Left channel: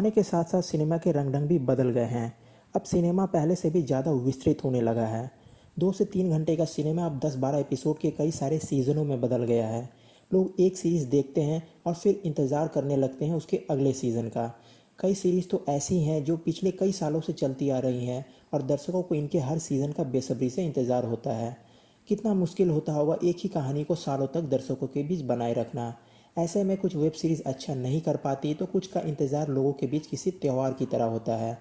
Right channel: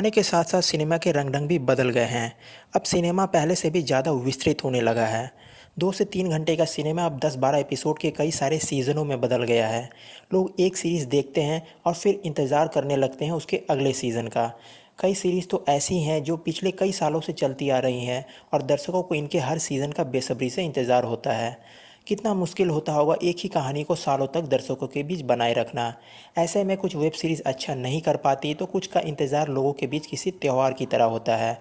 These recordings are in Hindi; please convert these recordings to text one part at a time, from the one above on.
ज़माने के साथ साथ सिनेमा के रंग-ढंग भी बदल गए हैं। अब सिनेमा पहले से भी ज़्यादा विस्तृत होने लगा है। 2 से 3 घंटे का सिनेमा अब 10-12 एपिसोड के कई सारे सीज़नों में बदल गया है। लोग एक सीरीज़ देखते हैं और फिर इंतज़ार करने लगते हैं उसके अगले सीज़न का। कई सीरीज़ तो ऐसी हैं जो पिछले कई सालों से चलती आ रही हैं और दर्शकों को इनके हर सीज़न का बेसब्री से इंतज़ार होता है। कितना मुश्किल होता होगा एक ही कहानी को सालों तक दर्शकों के बीच बनाए रखना। ऐसे में कुछ वेब सीरीज़ अच्छा नहीं कर पाती तो कुछ का इंतज़ार लोगों के बीच किसी त्यौहार की तरह होता है।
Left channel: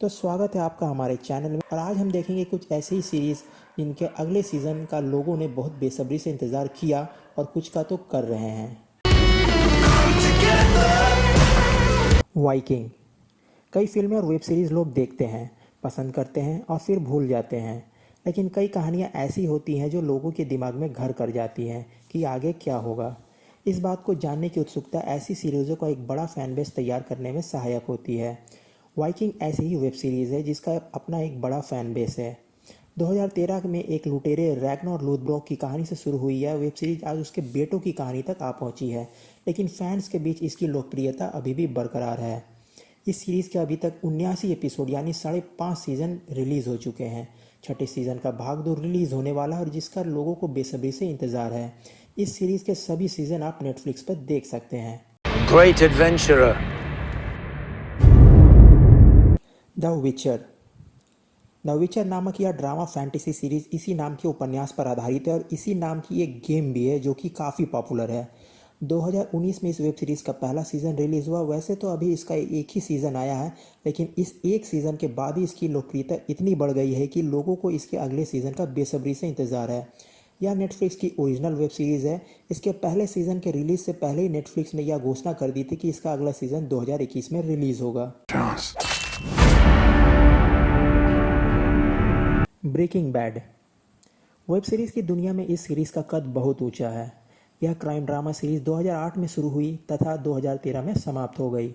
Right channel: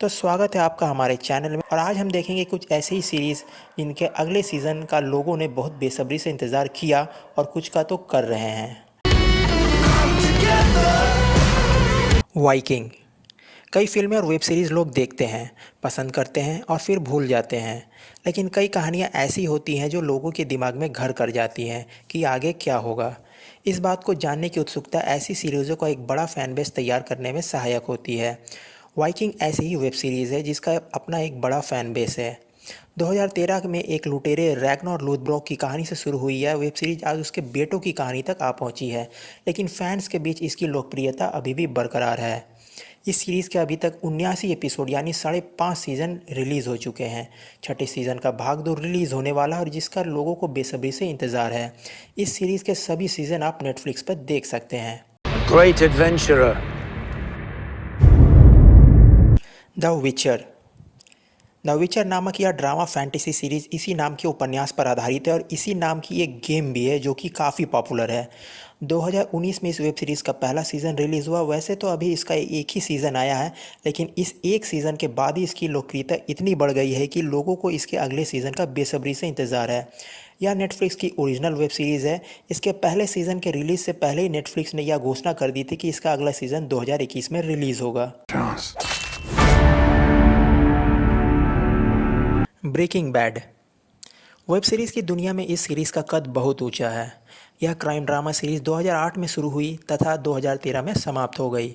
तो स्वागत है आपका हमारे चैनल में और आज हम देखेंगे कुछ ऐसी ही सीरीज़ जिनके अगले सीज़न का लोगों ने बहुत बेसब्री से इंतज़ार किया और कुछ का तो कर रहे हैं। वाइकिंग। कई फिल्में और वेब सीरीज़ लोग देखते हैं, पसंद करते हैं और फिर भूल जाते हैं। लेकिन कई कहानियाँ ऐसी होती हैं जो लोगों के दिमाग में घर कर जाती हैं कि आगे क्या होगा। इस बात को जानने की उत्सुकता ऐसी सीरीज़ों का एक बड़ा फैन बेस तैयार करने में सहायक होती है। वाइकिंग ऐसी ही वेब सीरीज़ है जिसका अपना एक बड़ा फैन बेस है। 2013 में एक लुटेरे रैग्नार लोथब्रोक की कहानी से शुरू हुई यह वेब सीरीज आज उसके बेटों की कहानी तक आ पहुंची है, लेकिन फैंस के बीच इसकी लोकप्रियता अभी भी बरकरार है। इस सीरीज़ के अभी तक 79 एपिसोड यानी 5.5 सीज़न रिलीज़ हो चुके हैं। छठे सीज़न का भाग 2 रिलीज़ होने वाला है और जिसका लोगों को बेसब्री से इंतज़ार है। इस सीरीज़ के सभी सीज़न आप नेटफ्लिक्स पर देख सकते हैं। Great adventurer. द विचर। द विचर नामक यह ड्रामा फैंटेसी सीरीज़ इसी नाम के उपन्यास पर आधारित है और इसी नाम की एक गेम भी है जो कि काफ़ी पॉपुलर है। 2019 में इस वेब सीरीज़ का पहला सीज़न रिलीज़ हुआ। वैसे तो अभी इसका एक ही सीज़न आया है, लेकिन इस एक सीज़न के बाद ही इसकी लोकप्रियता इतनी बढ़ गई है कि लोगों को इसके अगले सीज़न का बेसब्री से इंतज़ार है। यह नेटफ्लिक्स की ओरिजिनल वेब सीरीज़ है। इसके पहले सीज़न के रिलीज़ से पहले ही नेटफ्लिक्स ने यह घोषणा कर दी थी कि इसका अगला सीज़न 2021 में रिलीज़ होगा। Breaking bad. वेब सीरीज़ की दुनिया में इस सीरीज़ का कद बहुत ऊंचा है। यह क्राइम ड्रामा सीरीज़ 2008 में शुरू हुई तथा 2013 में समाप्त हो गई।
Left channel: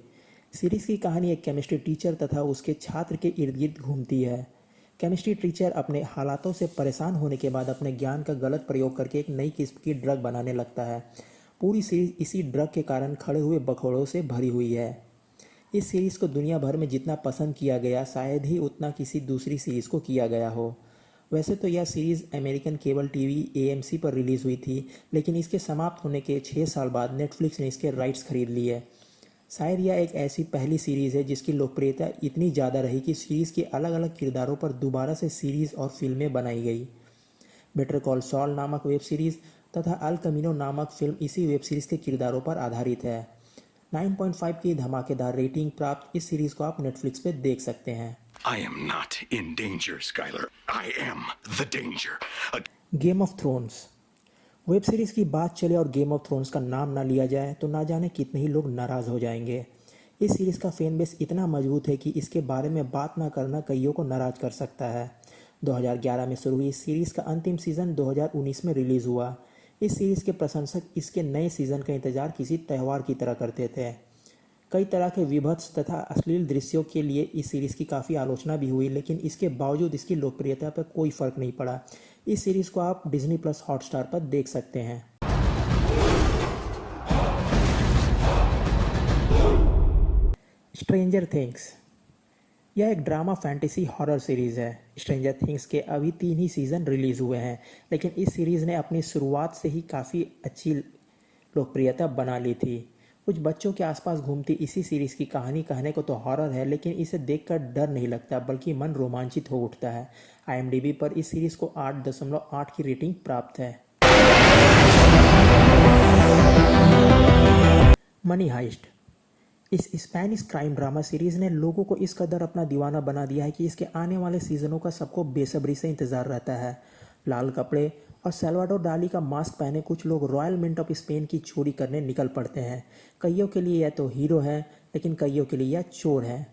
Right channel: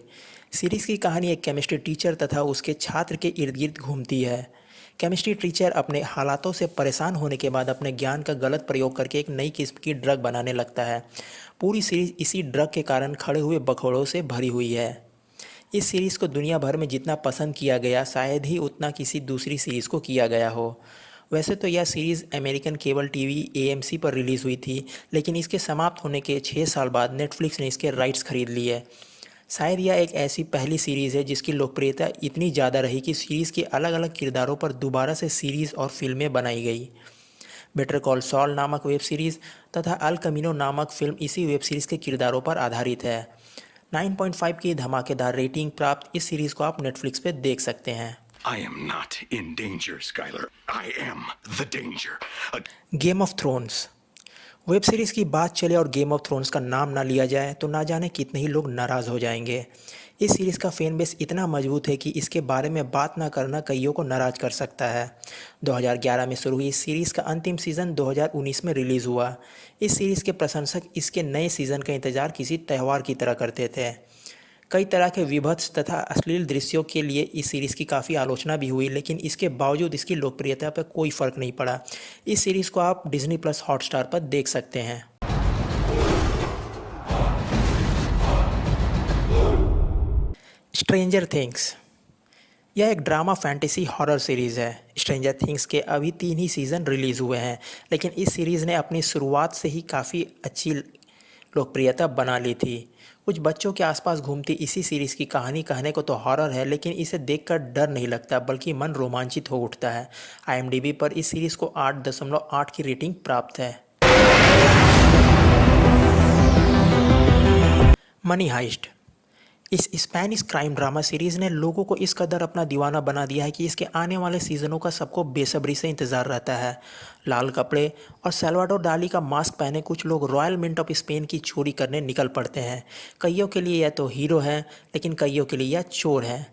सीरीज़ की कहानी एक केमिस्ट्री टीचर तथा उसके छात्र के इर्द गिर्द घूमती है। केमिस्ट्री टीचर अपने हालातों से परेशान होने के बाद अपने ज्ञान का गलत प्रयोग करके एक नई किस्म की ड्रग बनाने लगता है। पूरी सीरीज़ इसी ड्रग के कारण खड़े हुए बखौड़ों से भरी हुई है। इस सीरीज़ को दुनिया भर में जितना पसंद किया गया शायद ही उतना किसी दूसरी सीरीज़ को किया गया हो। वैसे तो यह series American cable TV AMC पर रिलीज़ हुई थी, लेकिन इसके समाप्त होने के 6 साल बाद नेटफ्लिक्स ने इसके राइट्स खरीद लिए। शायद यह एक ऐसी पहली सीरीज़ है जिसकी लोकप्रियता इतनी ज़्यादा रही कि सीरीज़ के अलग अलग किरदारों पर दोबारा से सीरीज़ और फिल्में बनाई गई। बेटर कॉल सॉल नामक वेब सीरीज़ तथा अल कमीनो नामक फिल्म इसी वेब सीरीज़ के किरदारों पर आधारित है। 9.5 की धमाकेदार रेटिंग प्राप्त इस सीरीज़ को आप नेटफ्लिक्स पे देख सकते हैं। I am not in danger, Skylar. I am the danger. Game of thrones. Web series की बात चले और गेम ऑफ थ्रोन्स का नाम ना लिया जाए तो ना जाने कितने ही लोग नाराज़ हो जाएंगे। इस सीरीज़ का फैन बेस इतना मजबूत है कि इसके बारे में बात ना करना कईयों को नाराज़ कर सकता है। 2011 में शुरू हुई इस सीरीज़ का अंतिम सीज़न 2019 में रिलीज़ हुआ। इस सीरीज़ के प्रशंसक इसके नए सीज़न का इंतज़ार किसी त्यौहार की तरह करते थे। कई तरह के विभत्स तथा अश्लील दृश्यों के लिए इस सीरीज़ की काफ़ी आलोचना भी हुई, लेकिन इसके बावजूद इसकी लोकप्रियता पर कोई फ़र्क नहीं पड़ा। इस सीरीज़ को आप डिज्नी प्लस हॉटस्टार पर देख सकते हैं। Stranger things. यह एक ड्रामा फैंटेसी हॉरर सीरीज़ है। स्ट्रेंजर थिंग्स के अभी 3 ही सीज़न रिलीज़ हुए हैं, लेकिन इस सीरीज़ ने अपनी शुरुआत से ही काफ़ी अच्छी लोकप्रियता बना ली थी। कुछ बच्चों के आसपास घूमती इसी सीरीज़ की कहानी कहने को तो हॉरर है, लेकिन इसे देखकर डर नहीं लगता बल्कि मन रोमांचित हो उठता है। IMDb पर इस सीरीज़ को 8.8 की रेटिंग प्राप्त है। Money heist. इस स्पेनिश क्राइम ड्रामा सीरीज़ ने लोगों को इस कदर अपना दीवाना बना दिया है कि इसके आने वाले सीज़नों का सबको बेसब्री से इंतज़ार रहता है। लाल कपड़े और सल्वाडोर डाली का मास्क पहने कुछ लोग रॉयल मिंट ऑफ स्पेन की चोरी करने निकल पड़ते हैं। कईयों के लिए यह तो हीरो हैं, लेकिन कईयों के लिए यह चोर हैं।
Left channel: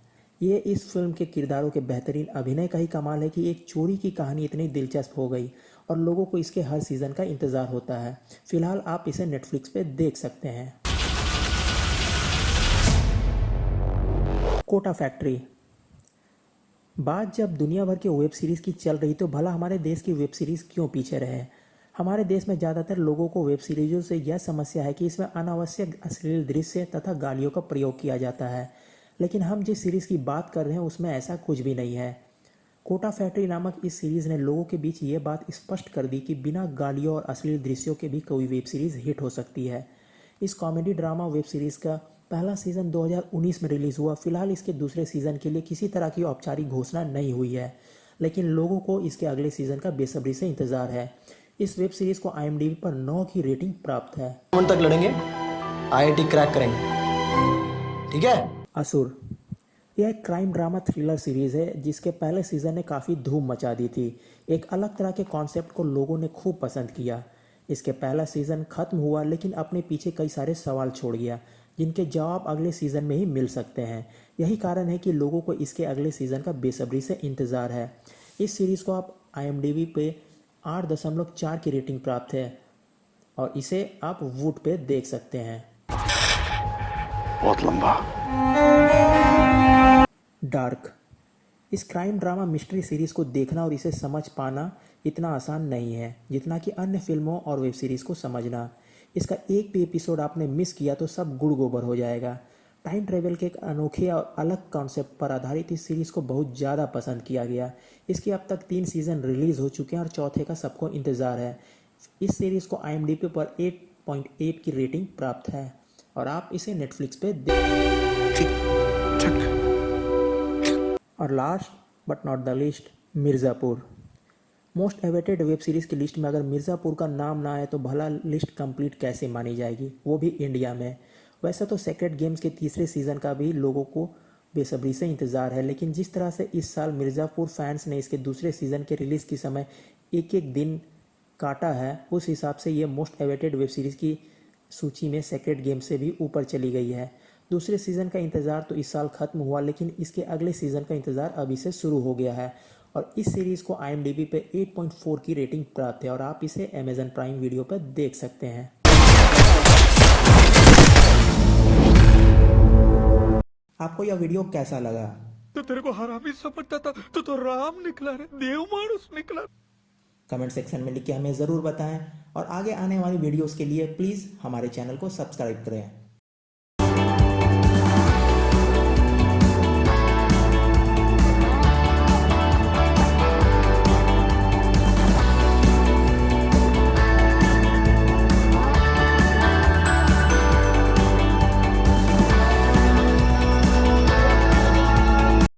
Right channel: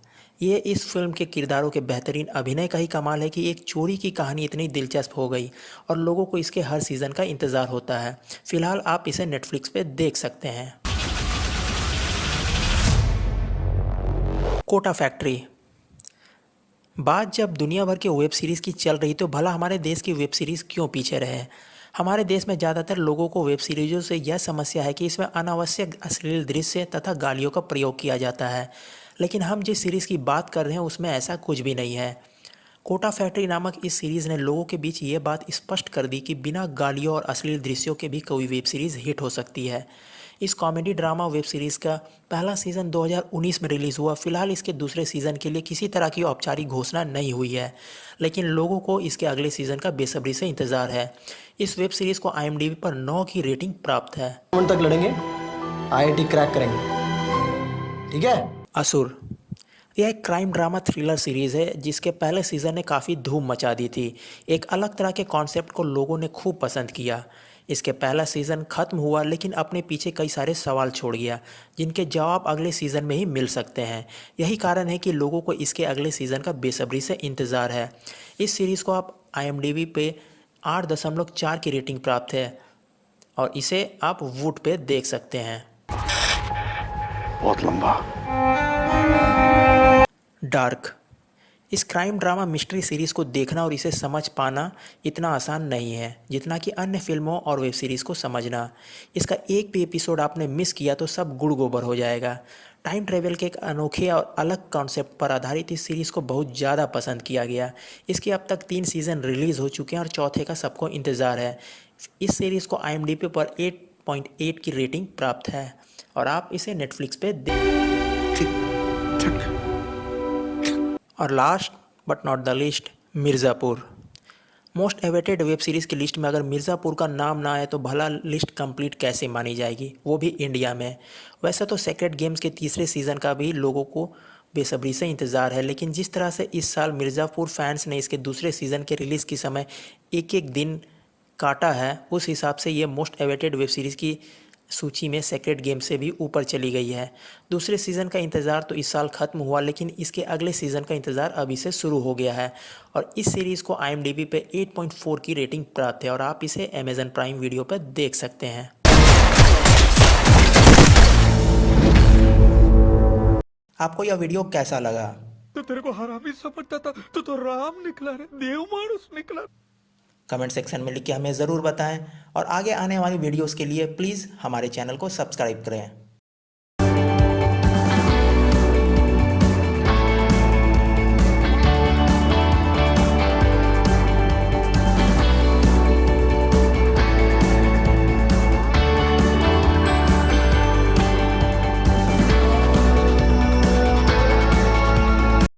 ये इस फिल्म के किरदारों के बेहतरीन अभिनय का ही कमाल है कि एक चोरी की कहानी इतनी दिलचस्प हो गई और लोगों को इसके हर सीज़न का इंतज़ार होता है। फिलहाल आप इसे नेटफ्लिक्स पे देख सकते हैं। कोटा फैक्ट्री। बात जब दुनिया भर के वेब सीरीज़ की चल रही तो भला हमारे देश की वेब सीरीज़ क्यों पीछे रहे। हमारे देश में ज़्यादातर लोगों को वेब सीरीज़ों से यह समस्या है कि इसमें अनावश्यक अश्लील दृश्य तथा गालियों का प्रयोग किया जाता है। लेकिन हम जिस सीरीज़ की बात कर रहे हैं उसमें ऐसा कुछ भी नहीं है। कोटा फैक्ट्री नामक इस सीरीज़ ने लोगों के बीच ये बात स्पष्ट कर दी कि बिना गालियों और अश्लील दृश्यों के भी कोई वेब सीरीज़ हिट हो सकती है। इस कॉमेडी ड्रामा वेब सीरीज़ का पहला सीज़न 2019 में रिलीज़ हुआ। फिलहाल इसके दूसरे सीज़न के लिए किसी तरह की औपचारिक घोषणा नहीं हुई है, लेकिन लोगों को इसके अगले सीज़न का बेसब्री से इंतज़ार है। इस वेब सीरीज़ को IMDb पर 9 की रेटिंग प्राप्त है। टूर्नामेंट तक लड़ेंगे, आईआईटी क्रैक करेंगे, ठीक है? असुर यह एक क्राइम ड्रामा थ्रिलर सीरीज़ है जिसके पहले सीज़न ने काफ़ी धूम मचा दी थी। एक अलग तरह के कॉन्सेप्ट को लोगों ने खूब पसंद किया। इसके पहला सीज़न ख़त्म हुआ लेकिन अपने पीछे कई सारे सवाल छोड़ गया जिनके जवाब अगले सीज़न में ही मिल सकते हैं। यही कारण है कि लोगों को इसके अगले सीज़न का बेसब्री से इंतज़ार है। इस सीरीज़ को आप IMDb पे 8.4 की रेटिंग प्राप्त है और इसे आप वूट पे देख सकते हैं। बहुत लंबा। डार्क इस क्राइम ड्रामा मिस्ट्री सीरीज़ को देखना और इसे समझ पाना इतना आसान नहीं है जितना कि अन्य फिल्मों और वेब सीरीज़ को समझना। इसका एक भी एपिसोड आपने मिस किया तो सब गुड़ गोबर हो जाएगा। टाइम ट्रेवल के एक अनोखे और अलग कॉन्सेप्ट पर आधारित इस सीरीज़ को बहुत ज़्यादा पसंद किया गया। इसके अब तक 3 सीज़न रिलीज़ हो चुके हैं और चौथे का सबको इंतज़ार है। इस सीरीज़ को IMDb पर 8.8 की रेटिंग प्राप्त है और आप इसे नेटफ्लिक्स पे और last but not the least, Mirzapur. Most awaited web series की लिस्ट में अगर मिर्ज़ापुर का नाम ना आए तो भला लिस्ट कंप्लीट कैसे मानी जाएगी, वो भी इंडिया में। वैसे तो सेक्रेड गेम्स के तीसरे सीज़न का भी लोगों को बेसब्री से इंतज़ार है, लेकिन जिस तरह से इस साल मिर्ज़ापुर फैंस ने इसके दूसरे सीज़न के रिलीज़ के समय एक एक दिन काटा है, उस हिसाब से ये मोस्ट एवेटेड वेब सीरीज़ की सूची में सेक्रेड गेम से भी ऊपर चली गई है। दूसरे सीज़न का इंतज़ार तो इस साल ख़त्म हुआ लेकिन इसके अगले सीज़न का इंतज़ार अभी से शुरू हो गया है और इस सीरीज़ को IMDb पे 8.4 की रेटिंग प्राप्त है और आप इसे Amazon प्राइम वीडियो पर देख सकते हैं। आपको यह वीडियो कैसा लगा? तो तेरे को हरामी समझता था तो राम निकला रे, देव मानुस निकला। कमेंट सेक्शन में लिख के हमें ज़रूर बताएं और आगे आने वाली वीडियोस के लिए प्लीज़ हमारे चैनल को सब्सक्राइब करें।